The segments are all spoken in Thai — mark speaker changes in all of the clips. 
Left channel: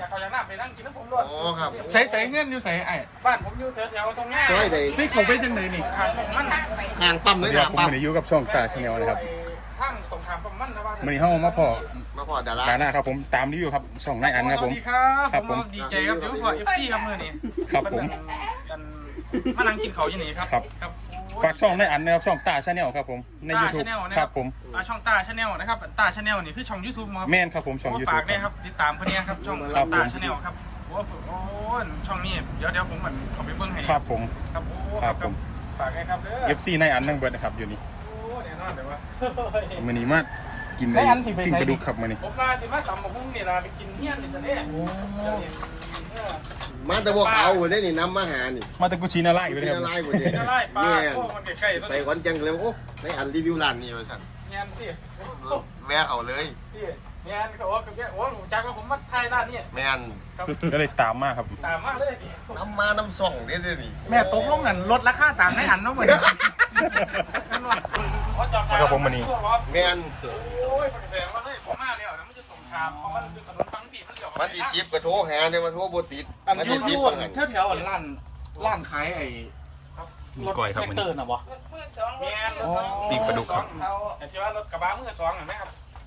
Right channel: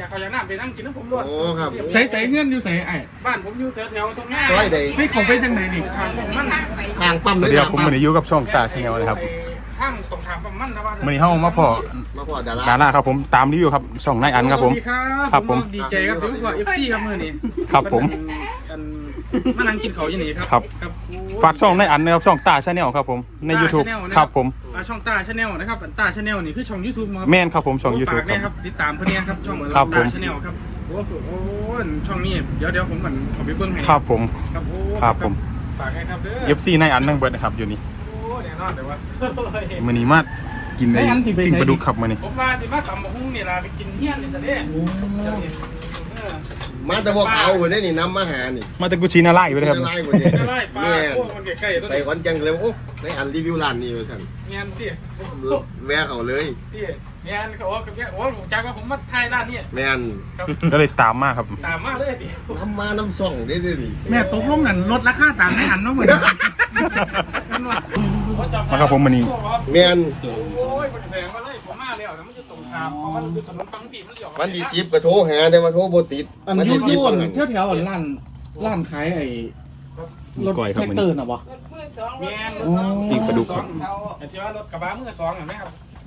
Speaker 1: อยากเขาอยากน้ำไปนั่งกินน้ำผมด้วย
Speaker 2: โอ้ครับ
Speaker 3: ใส่เงื่อนอยู่ใส่ไอ้
Speaker 1: บ้านผมอยู่แถวตรงหน้า
Speaker 2: ร้อยใด
Speaker 3: ไม่เขาไปจังไหนนี่
Speaker 1: ทางผมมัน
Speaker 2: ทางปั๊ม
Speaker 4: ส
Speaker 2: เล
Speaker 4: วัส
Speaker 2: ย
Speaker 4: ดีค
Speaker 2: ค
Speaker 4: รั
Speaker 2: รั
Speaker 4: บบ ผมมันอยู่กับช่องตาชาแนลนะครับ
Speaker 1: ข้างตรงทางผมมันนะว่า
Speaker 4: มันนี้เข้ามาพอ
Speaker 2: มาพอดารา
Speaker 4: ดาราครับผมตามรีวิวครับช่องนายอันครับผม
Speaker 1: สวัสดีครับ
Speaker 4: ครับผม
Speaker 1: ดีใจครับเดี๋ยวขอเอฟซีครับมือนี้
Speaker 4: ครับผม
Speaker 1: มานั่งกินเขาอยู่นี่ครับ
Speaker 4: ครับ ฝากช่องนายอันนะครับช่องตาชาแนลครับผมใน YouTube ครับผม
Speaker 1: ช่องตาชาแนลนะครับตาชาแนลนี่คือช่อง YouTube ครับ
Speaker 4: แม่นครับผมช่อง YouTube
Speaker 1: ฝากเนี่ยครับติดตามคนนี้ครับช่อง
Speaker 4: ครับผม
Speaker 1: ตาชาแนลครับโอ้โหช่องนี้เดี๋ยวผมเหมือนเขาไปเบิ่งให้
Speaker 4: ครับผม
Speaker 1: ครับโอ้
Speaker 4: ครับผม
Speaker 1: ฝากให้ครับเด้อ
Speaker 4: FC นายอันนั่งเบิดนะครับอยู่นี่
Speaker 1: โอ้แน่นอนเลยว่า
Speaker 4: มื้อนี้มากินไอ้ปิ้งปลาดุกครับมื้อนี้
Speaker 1: ผมมาสิมาตำบักหุ่งนี่ล่ะไปกินเฮี้ยนนี่ซะเนี่ย
Speaker 2: มาแต่พวกเขาคนนี้นี่น้ำมาหานี่
Speaker 4: มาแต่กุชินาไล่ไปเลยครับ
Speaker 2: ไล่หมดเลย
Speaker 1: จะไล่ปลา
Speaker 2: แม่
Speaker 1: พวกมันใกล้ๆตัว
Speaker 2: ใส่
Speaker 1: นี้
Speaker 2: ขอนแก่นเลยโอ้ในอันรีวิวร้านนี่ไปสั่น
Speaker 1: เมียนสิ
Speaker 2: แวะเขาเลย
Speaker 1: พี่เมียนเขาว่ากับเมียโอ้ผมจักว่าผมมาถ่ายร้านนี้
Speaker 2: แม่น
Speaker 1: ครับ
Speaker 4: ก็เลยตามมาครับ
Speaker 1: ตามมาเลยดิ
Speaker 2: น้ำมาน้ำส่องได้ด้วยนี่
Speaker 3: แม่ตกลงกันลดราคาตามไม่หันเนาะเหมือนกัน
Speaker 4: ครับผมมื้อนี้
Speaker 2: แม่น
Speaker 1: โอ้ยคนแสงมาเลยผมมาแล้วนะมันจะส่งทางเพราะมันเป็นถนนบางปีมันเลี้ยว
Speaker 2: วันที่10ก็โทรหาแต่ว่าโทรบ่ติด
Speaker 3: อันยูโซนแถวๆร้านขายไอ้
Speaker 4: มีก้อยครับ
Speaker 3: แท็
Speaker 4: มื้
Speaker 3: ก
Speaker 4: อ
Speaker 3: เตอ
Speaker 4: นี้
Speaker 3: ร์น่ะวะ
Speaker 1: เมียน
Speaker 4: ปิ้งปลาดุกครับ
Speaker 1: ไอ้ที่ว่ารถกระบะมือสองเห็นไหมครับ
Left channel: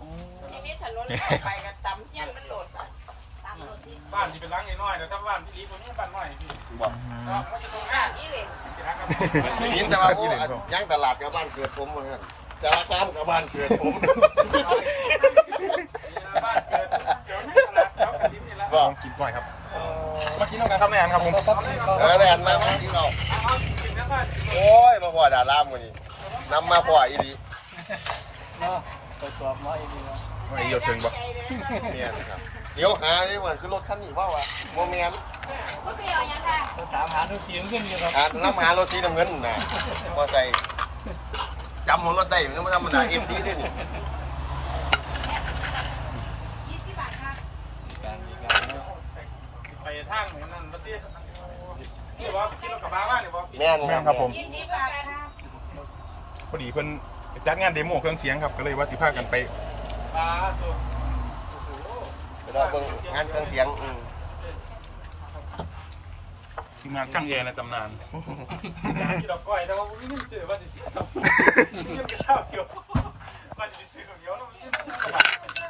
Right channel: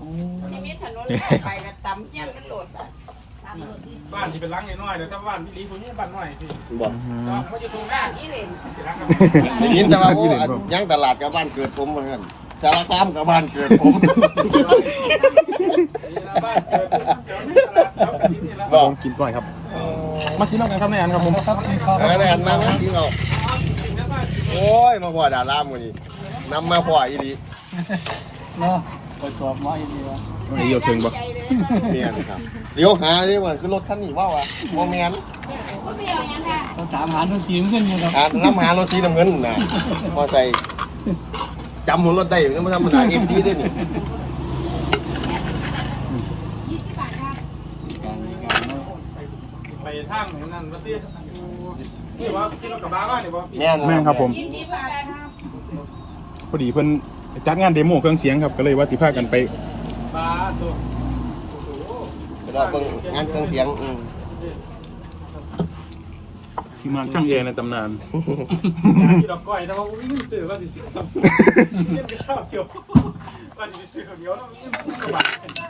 Speaker 1: บ้านที่เป็นล้างน้อยๆเดี๋ยวถ้าบ้านพี่ลีคนนี้บ้านน้อยพี่
Speaker 2: บอก
Speaker 1: มันอยู่ตรงหน้านี่เลยสิรักกัน
Speaker 2: ได้ยินแต่ว่าโอ้อันย่างตลาดกับบ้านเกิดผมเหมือนกันสารคามกับบ้านเกิดผม
Speaker 1: บ้านเกิดแถวนี้ละแถวกระสินนี่ละ
Speaker 4: ผมกินก้อยครับ มากินน้ำกันครับนายอันครับผม
Speaker 2: หาในอันมาที่เราโอ้ยมาพอดารามือนี่นำมาพออีดี
Speaker 3: เนาะไปตรวจหมออีกแล้ว
Speaker 4: เดี๋ยวถึงบ่
Speaker 2: เนี่ยครับเดี๋ยวหาเรื่องว่าคือรถคันนี้ว่าวะโมเมน
Speaker 3: เราถามหาดูสีขึ้นอยู่ครับ
Speaker 2: น้ำหารถสีน้ำเงินนะพอใจจำหัวรถได้อยู่นะมันธรรมดาเอ็นซีด้วยนี่
Speaker 1: ไปทางนั่นวัดเตี้ยนี่ว่าที่รถกระบะบ้านเนี่ยบอก
Speaker 2: แม่น
Speaker 4: แม่นครับผมพอดีเพิ่นจัดงานเดโมเครื่องเสียงครับก็เลยว่าสิพากันไป
Speaker 1: ปลาตัว
Speaker 2: เราเบิ่งงานเครื่องเสียง
Speaker 4: ที่มาช่างเองในตำนาน
Speaker 1: ที่ดอกก้อยนะว่าไม่มีซื้อว่าจะซื้อครับเยี่ยมจะเช่าเกี่ยวว่าจะไปซื้อเดี๋ยวเนาะไม่ซื้อกระบะ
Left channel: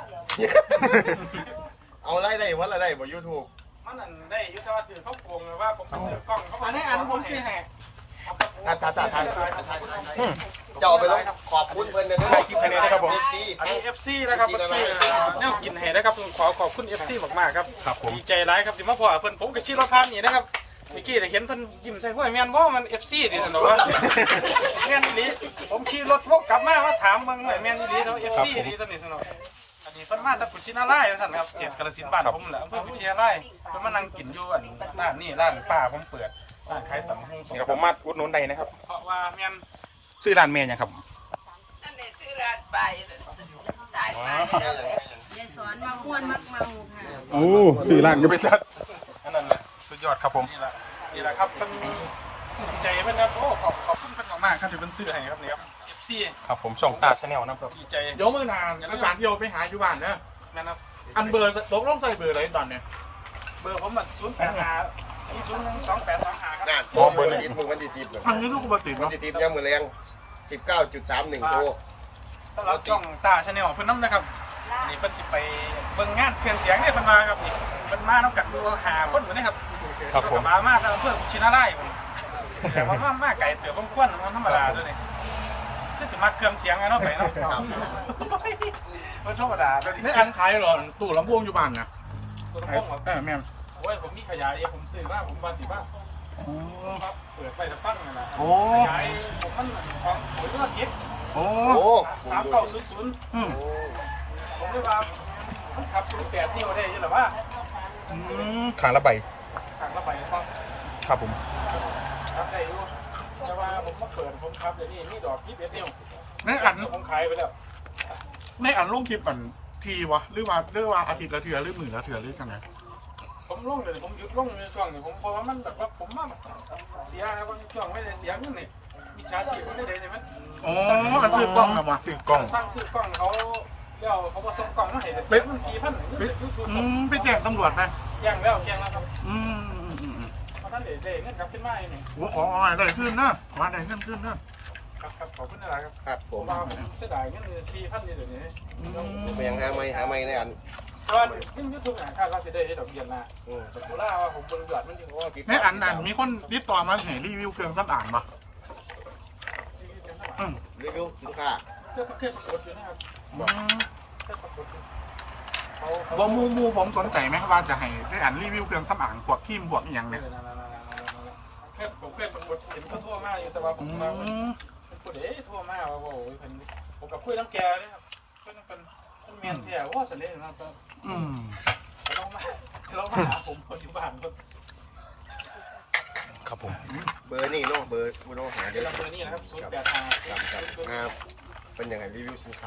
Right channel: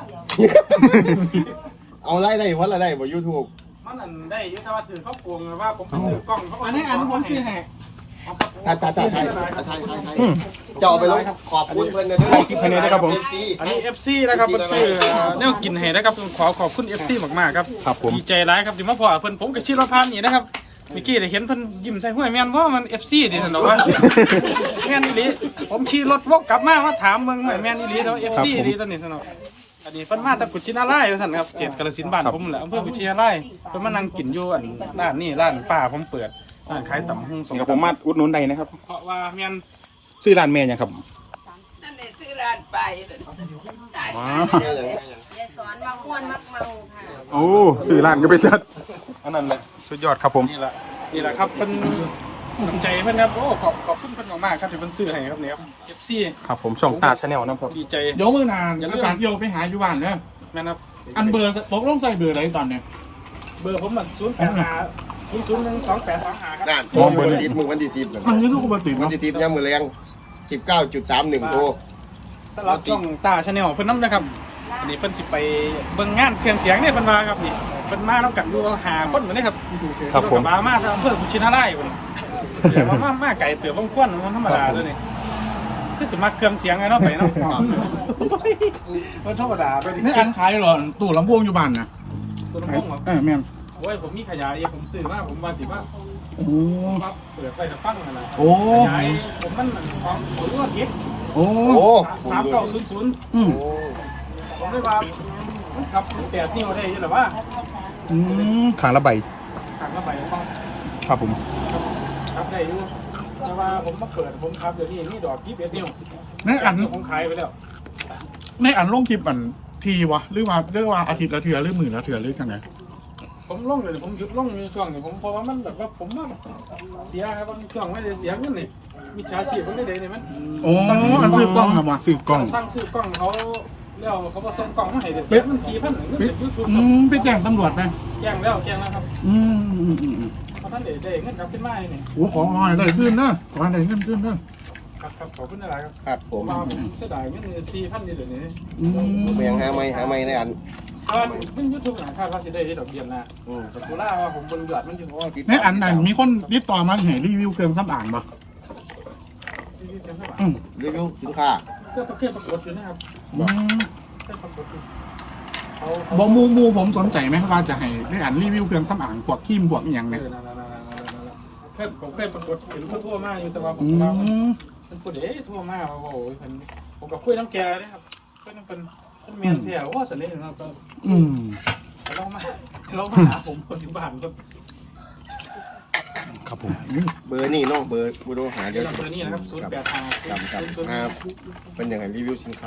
Speaker 2: เอาไล่ได้เพราะอะไรได้บ่ยูทูบ
Speaker 1: มันอันได้ยุทธวัฒน์ถือเขาโกงว่าผมไปซื้อกล้องเขา
Speaker 3: อันนี้อันผมซื้อให้
Speaker 2: ถ่ายจะเอาไปเลยขอบคุณเพื่อนนะ
Speaker 4: ถ่ายคลิปให้นี่นะครับผม
Speaker 1: อันนี้ FC นะครับมันซื้อเนี่ยกินให้นะครับขอบคุณ FC มากๆครับ
Speaker 4: ครับผม
Speaker 1: ดีใจร้ายครับที่มาพอเพิ่นผมกับชิรพันธ์นี่นะครับเมื่อกี้ได้เห็นเพิ่นยิ้มใส่ห้วยแม่นเพราะมัน FC ดิท่านบอกว่าแม่นอีหลีผมขี่รถวกกลับมาถามเบิ่งห้วยแม่นอีหลีเนาะ FC ดีตอนนี้ท่านบอกอันนี้เพิ่นมาจากกุชินาไร่ท่านครับเขตกาฬสินธุ์บ้านผมแหละอำเภอกุชินาไร่เพิ่นมานั่งกินอยู่อันร้านนี่ร้านป้าผมเปิดร้านขายตำหุ่งสม
Speaker 4: สามารถอุดหนุนได้นะครับ
Speaker 1: เพราะว่าแม่น
Speaker 4: ซื้อร้านแม่ยังครับ
Speaker 5: นั่นเลยซื้อร้านไปสายฟ้าเลยยายสอนมาม้วนมักเมาค่ะ
Speaker 4: โอ้ซื้อร้านก็ไปซื้ออันนั้นเลยสุดยอดครับผม
Speaker 1: นี่แหละครับเป็นน้ำใจเพื่อนครับโอ้ขอบคุณเพื่อนมากๆครับที่เพิ่นซื้อให้ครับเนี่ยครับ FC
Speaker 4: ครับผมช่องตาชาแนลนะครับ
Speaker 1: ดีใจ
Speaker 3: เดี๋ยวมื้อนานแล้วการเที่ยวไปหาอยู่บ้านเด้อ
Speaker 1: แม่นครับ
Speaker 3: อันเบอร์ตกลงใส่เบอร์อะไรตอนเนี้ย
Speaker 1: เบอร์ผมมัน085 0012825ครับ
Speaker 2: นั่นโทรอยู่วันติดมือวันที่10
Speaker 3: มันยูทูบเบอร์ติด
Speaker 2: วัน
Speaker 3: เนาะ
Speaker 2: ที่10ย่ามมือแรง 19.31โทร
Speaker 1: สำหรับช่องตาชาแนลเพิ่นน้ำนะครับอันนี้เพิ่นสิไปเบิ่งงานเครื่องเสียงเนี่ยเพิ่นว่าครับนี่เพิ่นมาน้ำกันอยู่หาคนเหมือนนี้ครับ
Speaker 4: ครับผม
Speaker 1: กัมาทางอำเภอกุชินาไร่พุ่นเดี๋ยวมาไก่เติบพงควนมันธรรมดาตัวนี้คือสิมาเครื่องเสียงไงเนาะไปเนาะมันธรรมดาตัวนี้
Speaker 3: นี่อันขายหรอตู้ลำโพงอยู่บ้านนะ
Speaker 1: ตัวน้องเหรอ
Speaker 3: แม่น
Speaker 1: โอ้ยผมมีขยายผมซื้อมาผมว่าสิว่า
Speaker 3: โอ้
Speaker 1: ว่าเปิดไฟตะฟังนั่นแหละ
Speaker 3: โอ้
Speaker 1: ขยายผมมันของผมรู้ว่าคิด
Speaker 3: โอ้
Speaker 2: โอ้
Speaker 1: 3900
Speaker 3: อืม
Speaker 1: ผมได้ว่ามันขับแบบนี้มาได้ยังหรือว่า
Speaker 4: ทางละใบ
Speaker 1: ทางระบายฟัง
Speaker 4: ครับผม
Speaker 1: ขับได้อยู่แต่ว่าผมมาเปิดผมขับเดี๋ยวนี้มีดอก21นิ้ว
Speaker 3: ในอัน
Speaker 1: ผมขายไปแล้ว
Speaker 3: ในอันลงคลิปอันทีวะหรือว่าอาทิตย์ละเทื่อหรือมื้อละเทื่อหรือจังได
Speaker 1: ผมลงเลยผมหยุดลงในช่วงนี้ผมเพราะว่ามันแบบว่าผมมาเสียครับว่ามีช่วงไม่ได้เสียเงินนี่มีชาชีพผมได้เดยเนี่ยมัน
Speaker 3: โอ้อันซื้อกล้องนะมาซื้อกล้อง
Speaker 1: สร้างซื้อกล้องเขาในเราเขาบอกส่งกล่องมาให้เดี๋ยวเสียมัน4,000เงินเป็นยูทูบ
Speaker 3: ไปแจ้งตำรวจไป
Speaker 1: แจ้งแล้วครับ เพราะท่านได้เงินกลับขึ้นมาเนี่ย
Speaker 3: โอ้ขอได้ขึ้นนะขอได้เงินขึ้นนะครับ
Speaker 1: ขอบคุณอะไรครับ
Speaker 2: ครับผม
Speaker 1: ความเสียดายเงิน4,000นี่เดี๋ยวนี้
Speaker 2: มันยังหาไม่ในอัน
Speaker 1: เงินยูทูบหาค่าว่าสิได้ดอกเบี้ยนะแต่กูล่าว่าผมบนยอดมันอยู่
Speaker 3: แม่อันนั้นมีคนติดต่อมาเห็นรีวิวเครื่องสำอางปะ
Speaker 2: รีวิวสินค้า
Speaker 1: เครื่องปรากฏอยู่นะครับ
Speaker 3: บอมูผมสนใจไหมว่าจะให้ได้อันรีวิวเครื่องสำอางพวกครีมพวกอหย่างเนี่ย
Speaker 1: ผมเคยปรากฏเห็นเขาทั่วมากอยู่แต่ว่าผมว่าเป็นผู้เด็ทั่วมากโอ้โหผมกับคุยน้ำแกเลยครับคุยน้ำเป็นเมียนเที่ยวว่าสันนิษฐานเรามาหาผมคนอยู่บ้านก็
Speaker 2: เบอร์นี่น้องเบอร์บูโดหาเดี๋ยว
Speaker 1: เบอร์นี้นะครับ085
Speaker 2: เป็นอย่างไรรีวิวสินค้า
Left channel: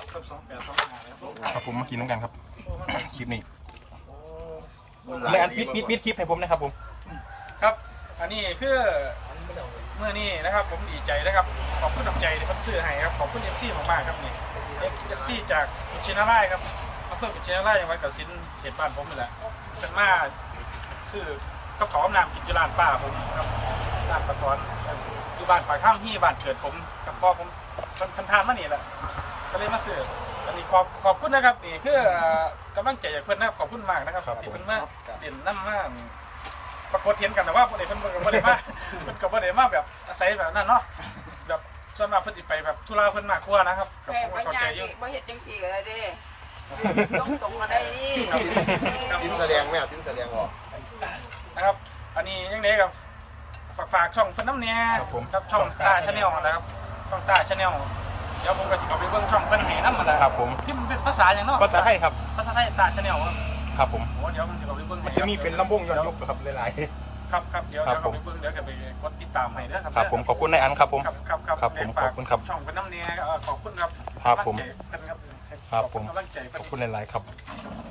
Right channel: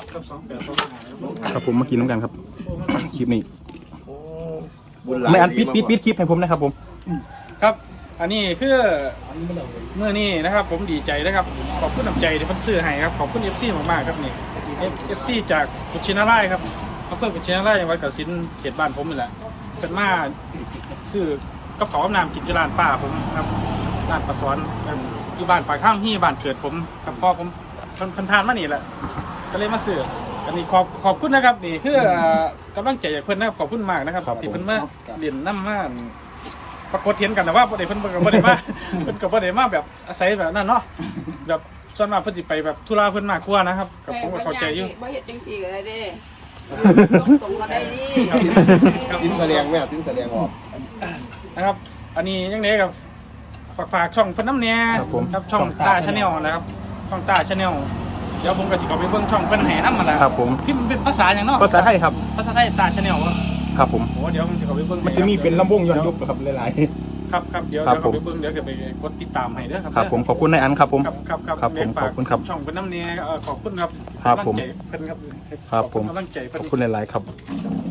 Speaker 4: ครับผมมากินน้ำกันครับคลิปนี้
Speaker 2: บุญหลาย
Speaker 4: ในอันปิดคลิปให้ผมนะครับผม
Speaker 1: ครับอันนี้คือเมื่อนี้นะครับผมดีใจนะครับขอบคุณน้ำใจที่เพิ่นซื้อให้ครับขอบคุณ FC มากๆครับนี่ FC จากกุชินาไร่ครับอำเภอกุชินาไร่จังหวัดกาฬสินธุ์เขตบ้านผมนี่แหละเป็นมาซื้อกับเขาวน้ำกินที่ร้านป้าผมครับร้านปลาสวนอยู่บ้านปากข้างที่บ้านเกิดผมครับพ่อผมมันทานมานี่แหละก็เลยมาซื้ออันนี้ขอบคุณนะครับนี่คือกำลังใจจากเพิ่นนะครับขอบคุณมากนะครับที่เพิ่นมาเรียนน้ำมาปรากฏเห็นกันแต่ว่าเพิ่นกับบ่ได้มาเพิ่นกับบ่ได้มาแบบอาศัยแบบนั้นเนาะแบบส่วนมากเพิ่นสิไปแบบธุระเพิ่นมากกว่านะครับกับผมก็เข้าใจอยู่
Speaker 5: บ่เฮ็ดจังซี่ก็ได้เด้ส่งมาได้ดิ
Speaker 2: สินเสลียงแม่สินเสลียงออก
Speaker 1: นะครับอันนี้ยังไงกับฝากช่องเพิ่นน้ำเนี่ยครับช่องตาชาแนลนะครับช่องตาชาแนลเดี๋ยวผมก็สิเข้าไปเบิ่งช่องเพิ่นให้นำมันนะครับ
Speaker 4: ผม
Speaker 1: พิมพ์เป็นภาษาอย่างเนาะ
Speaker 4: ภาษาไทยครับ
Speaker 1: ภาษาไทยตาชาแนล
Speaker 4: ครับผม
Speaker 1: โอ้เดี๋ยวผมจะเข้าไปเบิ่ง
Speaker 4: มันจะมีเป็นลำวงย้อนยุคครับหลาย
Speaker 1: ครับเดี๋ยว
Speaker 4: ครับ
Speaker 1: เข้าไปเบิ่งเดี๋ยวจะไปกดติดตามให้เด้อครับ
Speaker 4: ๆครับผมขอบคุณในอันครับผม
Speaker 1: ครับเรียนฝากช่องเป็นน้ำเนี่ยขอบคุณครับ
Speaker 4: ครับ
Speaker 1: กำลัง
Speaker 4: ผม
Speaker 1: ใจเพิ่นครับ
Speaker 4: ครับผม
Speaker 1: กำลังใจ
Speaker 4: ข
Speaker 1: เพิ่
Speaker 4: อน บคุณหลายๆครับ